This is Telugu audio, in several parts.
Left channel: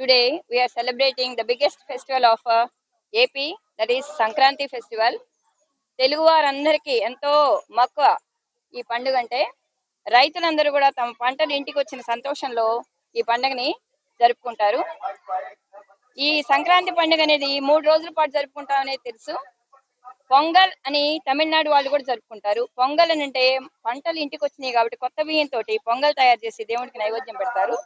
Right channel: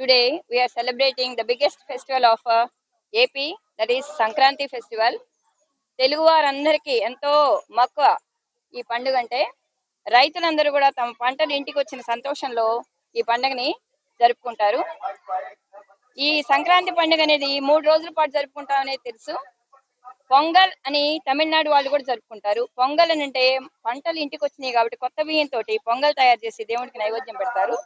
Today we are celebrating the biggest festival of AP, that is Sankranti festival. Telugu వారందరికీ ఎంతో మక్కువ ఈ పండుగ అంటే. రైతులందరూ కూడా తమ పంటలు ఇంటికి వచ్చిన సంతోషంలో ఈ పండుగని జరుపుకుంటారు. ఈ సంక్రాంతి పండుగ అనేది 3 రోజుల పాటు జరుపుకుంటాం అనేది తెలుసు. పొంగల్ అని తమిళనాడు వాళ్ళు కూడా జరుపుకుంటారు. పొంగల్ అని అంటే పంటలు ఇంటికి వచ్చినాయి కాబట్టి కొత్త బియ్యంతో పొంగల్ తయారు చేసి దేవుడికి నైవేద్యం పెడతారు.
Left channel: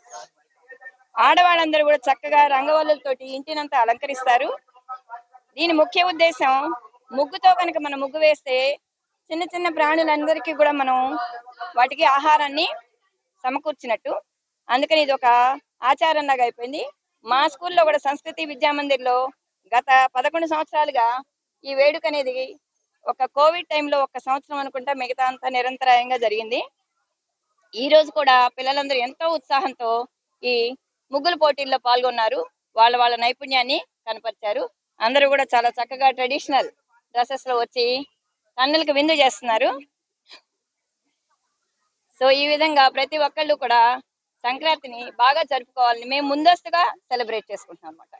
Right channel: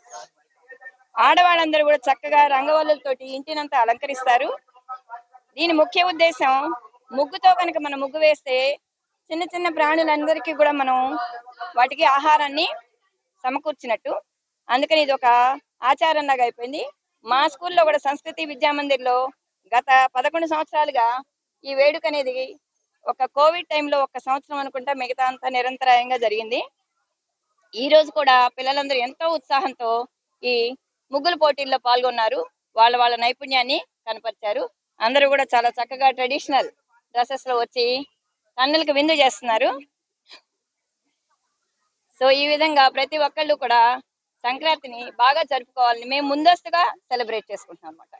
ఆడవాళ్ళందరూ కూడా చక్కగా రంగవల్లులతోటి ఇంటినంతా అలంకరిస్తారు. దీని ముఖ్య ఉద్దేశం, ముగ్గుతో కనుక మనం ముగ్గు వేస్తే చిన్న చిన్న ప్రాణులందరికీ కూడా మనం వాటికి ఆహారాన్ని సమకూర్చినట్టు. అందుకని ఇది ఒక ఆచారంలాగా అయిపోయింది. మా స్కూల్లో కూడా సంస్కృతి విద్యామందిర్లో గత 11 సంవత్సరాలుగా ఈ వేడుక అనేది ఒక కోవిడ్ టైంలో 1 సంవత్సరం అనుకుంటా, మిగతా అంతా నిరంతరాయంగా జరిగింది. ఈ రోజు కూడా పిల్లలందరూ ఎంతో ఉత్సాహంతో ఈ ముగ్గుల పోటీల్లో పాల్గొన్నారు. వాళ్ళ నైపుణ్యాన్ని కనపరిచారు. అందరూ కూడా చాలా చక్కగా ట్రెడిషనల్ డ్రెస్సెస్ లో వచ్చి కన్నులకు విందు చేస్తున్నారు. సో ఈ విధంగా ప్రతి ఒక్కళ్ళు కూడా సంక్రాంతిని బాగా జరుపుకోవాలని మేము ముందస్తుగా సెలబ్రేట్ చేసుకుంటున్నాం అన్నమాట.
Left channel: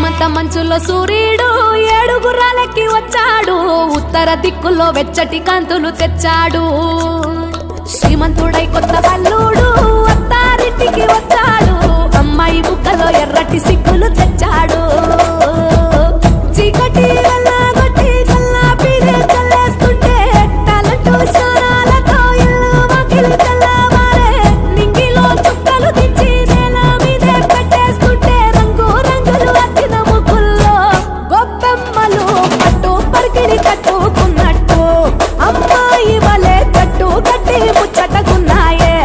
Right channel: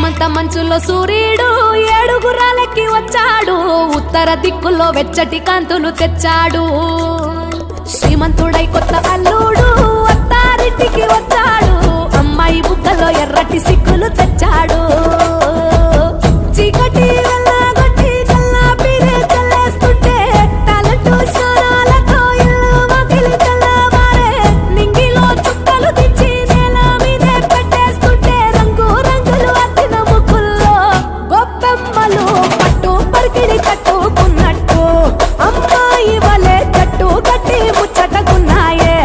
హేమంత మంచులో సూర్యుడు ఏడుగురాలెక్కి వచ్చాడు, ఉత్తర దిక్కుల్లో వెచ్చటి కాంతులు తెచ్చాడు. శ్రీమంతుడై కొత్త అల్లుడు అత్తారింటికి వచ్చాడు, అమ్మాయి బుగ్గలో ఎర్రటి సిగ్గులు తెచ్చాడు. చీకటి వెళ్ళగొట్టి కల్లా పీరే చల్లేస్తుంటే టాలెంట్ స్నానాలతో ఇల్లు వాకిలి తెల్లవారే, నింగిలో చుక్కలు దించి నేల మీదే పెట్టేస్తుంటే రంగు రంగులు అద్దిన ముగ్గుల్లో గొప్పెమ్మలు పట్టు పరికిడి కట్టుకున్నట్టు అమ్మాయి వలె కట్టు కట్టి ముచ్చటకున్నాయే.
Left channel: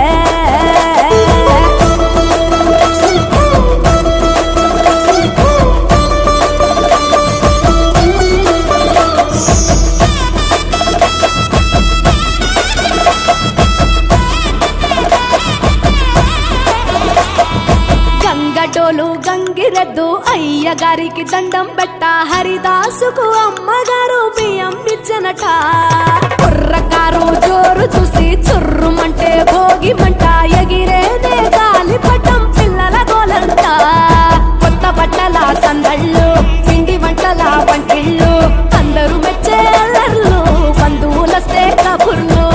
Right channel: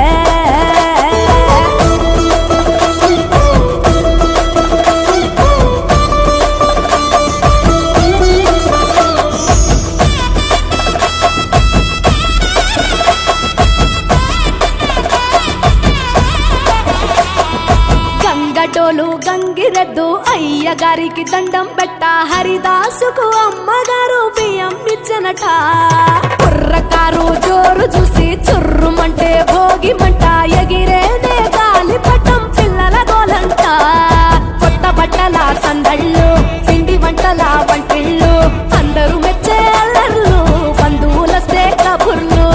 గంగటోలు గంగిరెద్దు అయ్యగారికి దండం పెట్ట, హరిదాసుకు అమ్మగారు బియ్యం ఇచ్చనట. కుర్రకారు జోరు చూసి చుర్రుమంటే భోగిమంట, ఎగిరేనే గాలిపటం పిల్లల గోలంట. కొత్త బట్టల సందళ్ళు పిండి వంటల వంటిళ్ళు, అందరూ మెచ్చే అల్లర్లు బంధువులస్తే కబుర్లు.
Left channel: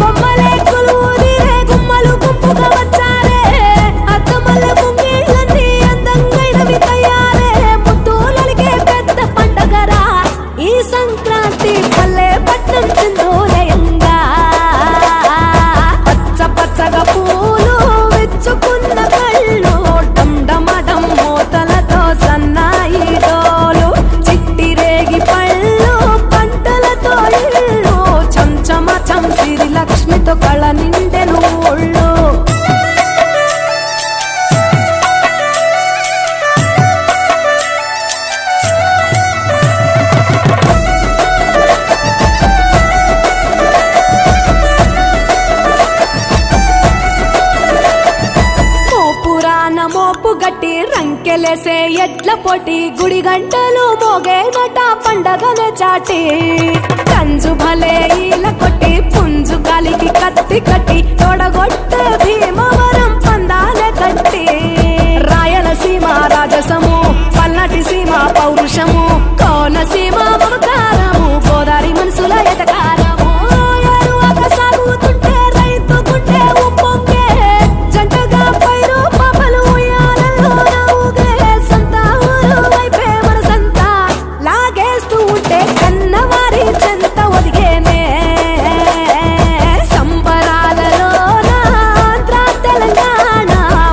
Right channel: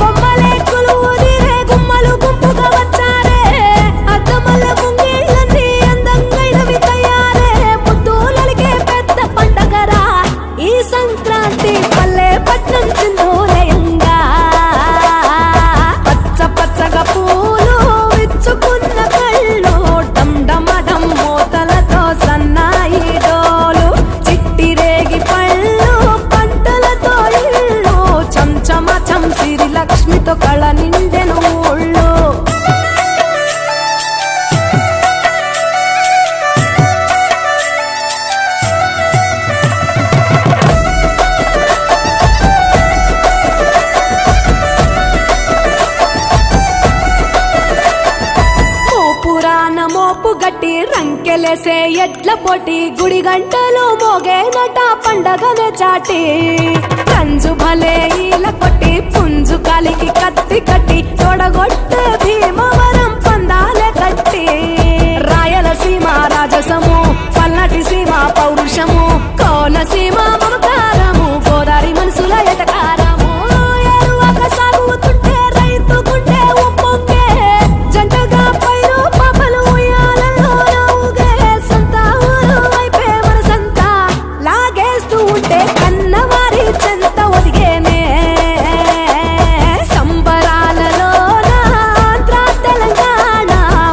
బొమ్మలే కొలువుదిరే గుమ్మలు గుంపుగా వచ్చారే, అద్దమల్ల ముంగిళ్ళన్నీ అందంగైనవి తయారే. ముద్దులలిగే పెద్ద పండగరా ఈ సంక్రాంతి, పల్లె పట్నం చిందోలయంగా. పచ్చ పచ్చగా పూలు విచ్చుకున్న కళ్ళు, డమ్డమడం మూతలతో సన్నాయి డోలు. చిట్టి రేగి పళ్ళు పంటలతో ఇళ్ళు, చంచమచం సిరి లక్ష్మితో కళ నిండెను ఊళ్ళు. మోపు గట్టి రంకెలేసే ఎడ్ల పోటీ, గుడి గంటలు మోగేనట పండగనే చాటి. రంజు భలే ఈల కొట్టి పుంజు కాలికి కత్తి కట్టి, తొడగొట్టే భీమవరం పందాలే కట్టి. రాయలసీమ రాజసము, పల్నాటి సీమ పౌరుషము, కోనసీమ మమకారము, గోదావరి మనసుల ఎటకారము. ఎరువక సాగుతుంటే రైతు గుండె ఉప్పొంగే, జంటగా పైరు పాపలు ఉయ్యాలలో నవ్వుగే. సంత ఊరు వైపే మనసంతా లాగేస్తూ ఉంటే కన్నవారి చెంత ఒదిగేనే. సంబరాలలోన ఆంధ్ర తెలంగాణ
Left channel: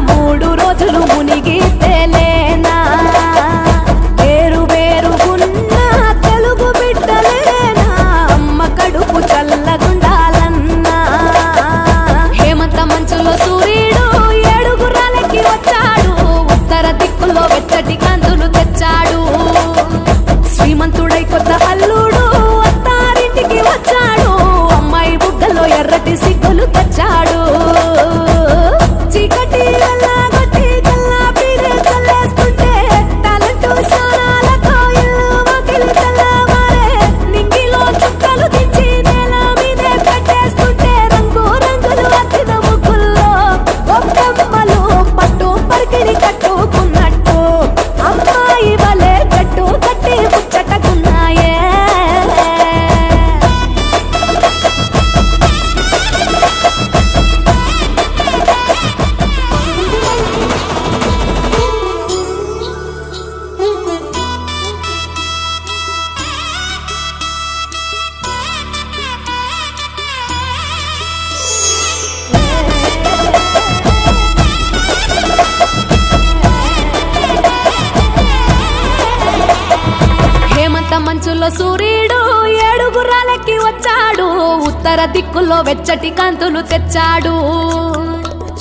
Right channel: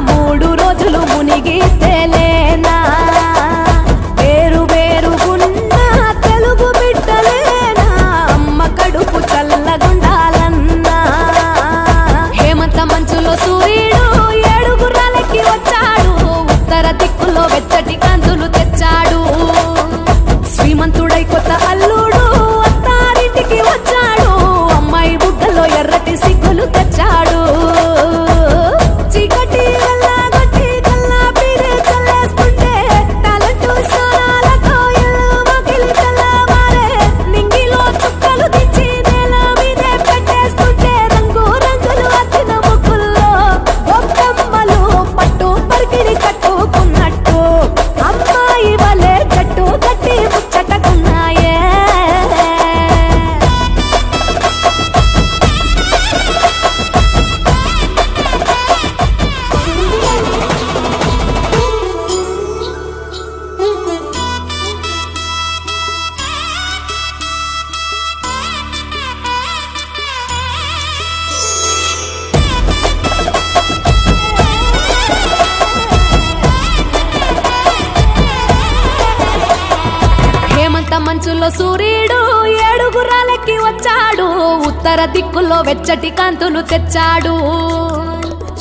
3 రోజులు మునిగి తేలేనా. వేరు వేరుగున్న తెలుగు బిడ్డలేనా, అమ్మ కడుపు చల్లగుండాలన్నా. హేమంత మంచులో సూర్యుడు ఏడుగురాలెక్కి వచ్చాడు, ఉత్తర దిక్కుల్లో వెచ్చటి కాంతులు తెచ్చాడు. శ్రీమంతుడై కొత్త అల్లుడు అత్తారింటికి వచ్చాడు, అమ్మాయి బుగ్గల్లో ఎర్రటి సిగ్గులు తెచ్చాడు. చీకటి వెళ్ళగొట్టి కల్లా పీరే చల్లేస్తుంటే టాలెంట్ స్నానాలతో ఇల్లు వాకిలి తెల్లవారే, నింగిలో చుక్కలు దించి నేల మీదే పెట్టేస్తుంటే రంగు రంగులు అద్దిన ముగ్గుల్లో గొప్పమ్మలు పట్టు పరికిడి కట్టుకున్నట్టు అమ్మాయి వలె కట్టు కట్టి ముచ్చటకున్నాయే. హేమంత మంచులో సూర్యుడు ఏడుగురాలెక్కి వచ్చాడు, ఉత్తర దిక్కుల్లో వెచ్చటి కాంతులు తెచ్చాడు.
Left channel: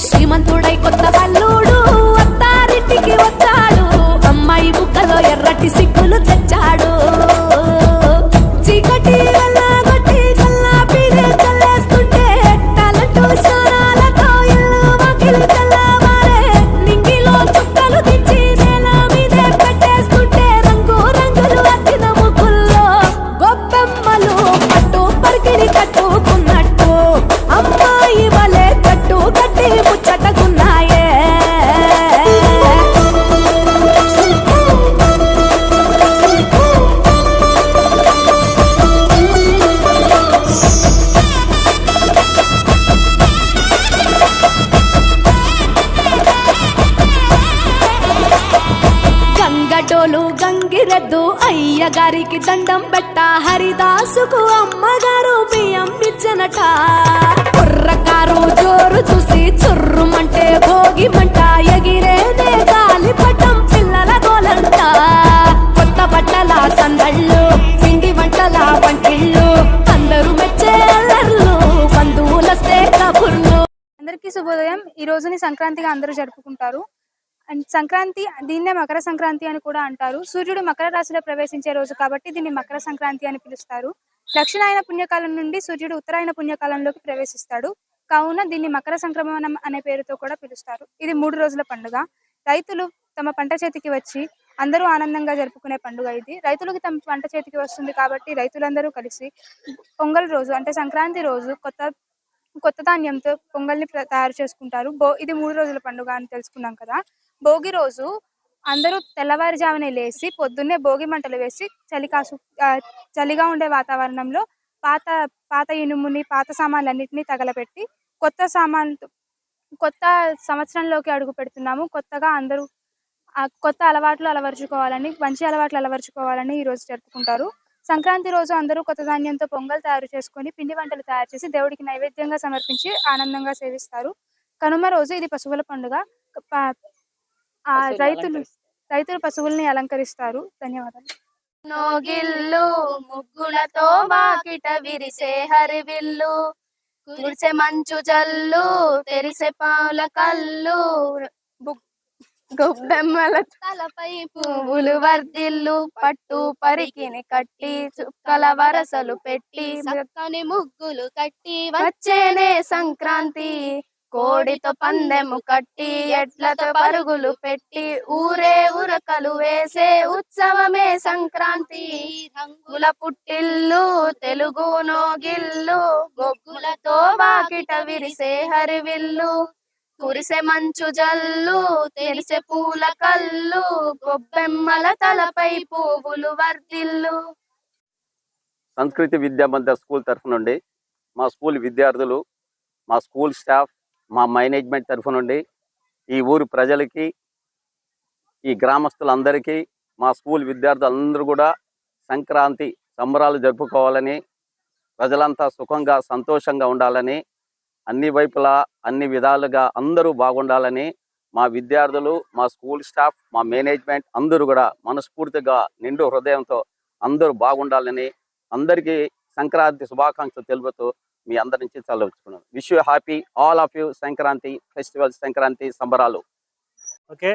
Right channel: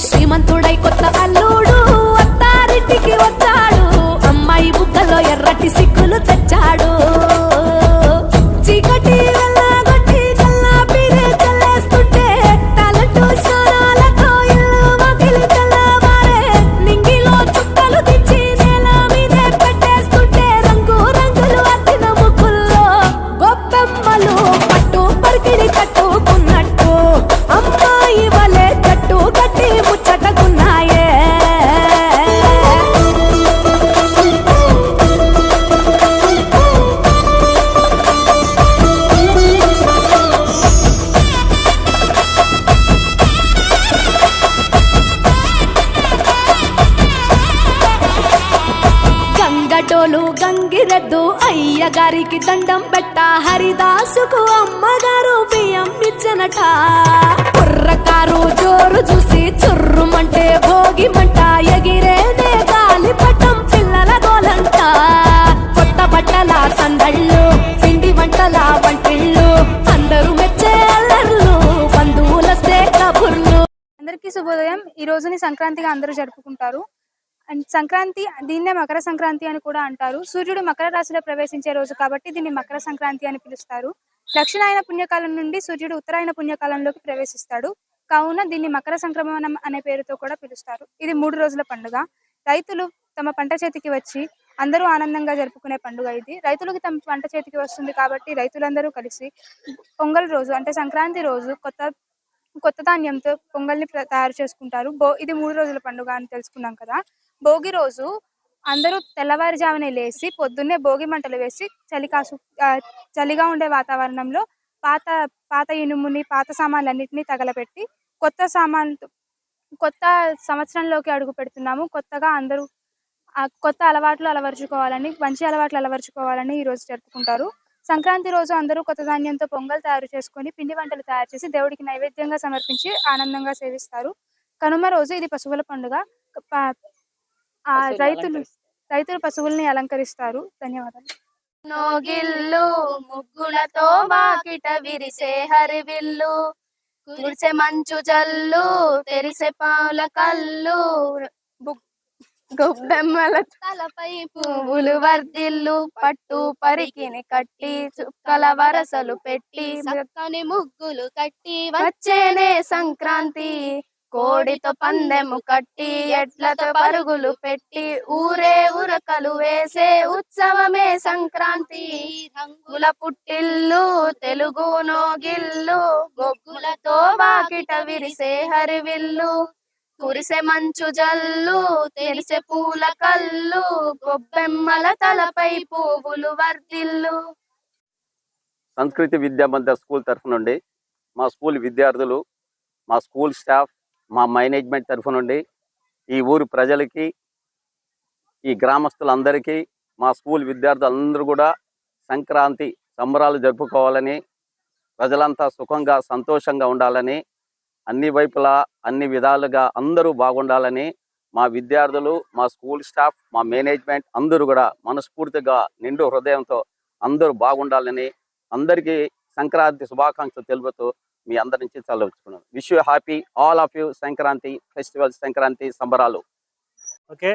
శ్రీమంతుడై కొత్త అల్లుడు అత్తారింటికి వచ్చాడు, అమ్మాయి బుగ్గలో ఎర్రటి సిగ్గులు తెచ్చాడు. చీకటి వెళ్ళగొట్టి కల్లా పీరే చల్లేస్తుంటే టాలెంట్ స్నానాలతో ఇల్లు వాకిలి తెల్లవారే, నింగిలో చుక్కలు దించి నేల మీదే పెట్టేస్తుంటే రంగు రంగులు అద్దిన ముగ్గుల్లో గొప్పెమ్మలు పట్టు పరికిడి కట్టుకున్నట్టు అమ్మాయి వలె కట్టు కట్టి ముచ్చటకున్నాయే. గంగటోలు గంగిరెద్దు అయ్యగారికి దండం పెట్ట హరిదాసుకు అమ్మగారు బియ్యం ఇచ్చనట కుర్రకారు జోరు చూసి చుర్రుమంటే భోగి మంట ఎగిరేనే గాలిపటం పిల్లల గోలంట కొత్త బట్టల సందళ్ళు పిండి వంటల వంటిళ్ళు అందరూ మెచ్చే అల్లర్లు బంధువులస్తే కబుర్లు. అందరికీ శుభోదయం. ఈ రోజుని సంక్రాంతిగా అందరూ జరుపుకుంటారు. అండ్ సంక్రాంతి దీన్నే మకర సంక్రాంతి అని కూడా అంటారు. సూర్యుడు మకర రాశిలో ప్రవేశించే రోజు కాబట్టి దీన్ని మకర సంక్రాంతి అని పిలుస్తారు. దక్షిణాయన పుణ్యకాలం నుండి సూర్యుడు ఉత్తరాయణ పుణ్యకాలంలోకి ప్రవేశిస్తాడు కావున దీన్ని మకర సంక్రమణం అనే పేరుతో కూడా పిలుస్తారు. ఇది 3 రోజుల పండుగ. రైతులు తమ పంట చేతికి వచ్చి అందరూ ఆనందంగా జరుపుకునే పండుగ ఇది. రైతులకు తమ పంట చేతికి వస్తుంది కాబట్టి రైతులందరూ కలిసి పొంగల్ రోజు అంటే సంక్రాంతి రోజు కొత్త ధాన్యంతో పొంగల్ని తయారు చేసుకుంటారు. ఇది 3 రోజుల పండుగ అని తెలుసుకున్నాం కదా. భోగి రోజు అందరూ తెల్లవారుజామునే లేచి పొద్దున్నే భోగి మంటలు వేసి చలిగా ఉండే వాతావరణంలో పాత ఇనుముని పాత సామాన్లన్నింటినీ తగలపెట్టి కొత్త సంవత్సరంలోకి అడుగు పెడుతున్నాము. కొత్తగా అందరూ కొత్త అలవాట్లు అలవరుచుకోవాలని మంచి అలవాట్లు అలవరుచుకోవాలని ఈ రోజు జరుపుకుంటారు. సంక్రాంతి రోజు అందరూ కొత్త ధాన్యంతో పొంగల్ తయారు చేసుకొని పిండి వంటలు తయారు చేసి దేవుడికి నైవేద్యంగా సమర్పించి ఆనందంగా సేవిస్తారు. కనుమ రోజు ఇది పశువుల పండుగ. రైతులు పశువుల్ని అలంకరిస్తారు. ధన్యవాదాలు. నోగిల్లు ముగ్గులతో వాకిట విరిసే హరివిల్లు కురిసే మంచు జల్లు తెరిసే పాల కళ్ళు గొబ్బెమ్మల తలపై పువ్వులు వర్దిల్లు పట్టు పరికిని కట్టి చుక్కల వరసలు పెట్టి చక్కని ముగ్గులు కట్టి వచ్చేనే సంక్రాంతి కోడితో పందెము కట్టి ఎడ్లతో పరుగులు పెట్టి ఊరే ఉరకలు వేసే ఉత్సవమే సంక్రాంతి రంగుల పుట్టిల్లు తెలుగు నోగిల్లు గొగ్గులతో వాకిట విరిసే హరివిల్లు కురిసే మంచు జల్లు తెరిసే పూల కళ్ళు గొబ్బెమ్మల తలపై పువ్వులు వర్దిల్లు. సంస్కృతి విద్యా మందిర్ స్కూల్ తరఫు నుండి మా స్కూల్ విద్యార్థులు, మా స్కూల్ స్టాఫ్, మా మేనేజ్మెంట్ తరఫు నుండి ఈ ఊరు ప్రజలకి, ఈ గ్రామస్తులందరికీ, మా స్కూల్ విద్యార్థులందరూ కూడా సంక్రాంతి సంబరాలు జరుపుకోవాలని, ప్రజలంతా సుఖంగా సంతోషంగా ఉండాలని, అన్ని వైపులా అన్ని విధాలుగా అందరూ బాగుండాలని మా విద్యార్థులు, మా స్కూల్ స్టాఫ్, మా మేనేజ్మెంట్ అందరూ కూడా మనస్ఫూర్తిగా నిండు హృదయంతో అందరూ బాగుండాలని అందరికీ సంక్రాంతి శుభాకాంక్షలు తెలుపుతూ మీ అందరి నుంచి చల్లవచ్చుకున్నాను. Wish you happy all of you Sankranti festival, Sankranti సంబరాలు. ఓకే,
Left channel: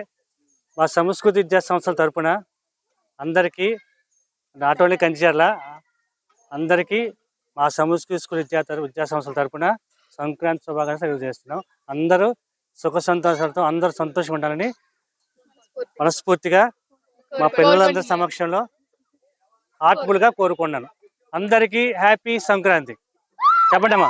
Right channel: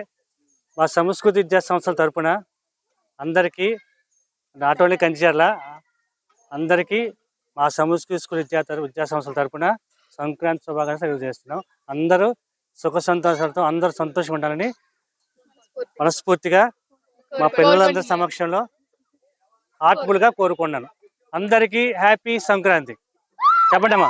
మా సంస్కృతి విద్యా సంస్థల తరపున అందరికీ, నాట్ ఓన్లీ కంచిచర్ల, అందరికీ మా సంస్కృతి విద్యా సంస్థల తరపున సంక్రాంతి శుభాకాంక్షలు తెలియజేస్తున్నాం. అందరూ సుఖ సంతోషాలతో అందరూ సంతోషంగా ఉండాలని మనస్ఫూర్తిగా మా పిల్లలందరి సమక్షంలో హార్ట్ఫుల్గా కోరుకున్నాను. అందరికీ హ్యాపీ సంక్రాంతి. చెప్పండి అమ్మా.